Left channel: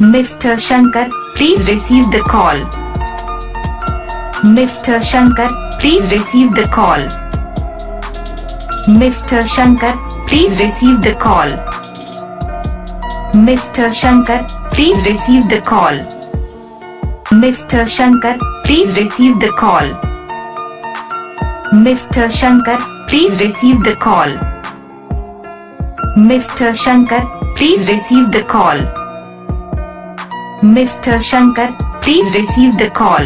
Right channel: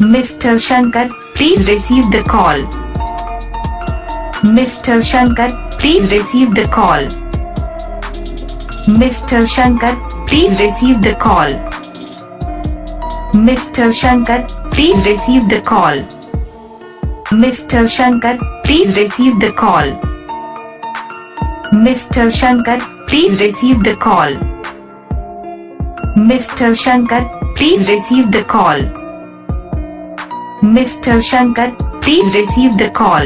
Mr. Shankar, please receive the call. Mr. Shankar, please receive the call. Mr. Shankar, please receive the call. Mr. Shankar, please receive the call. Mr. Shankar, please receive the call. Mr. Shankar, please receive the call. Mr. Shankar, please receive the call. Mr. Shankar, please receive the call.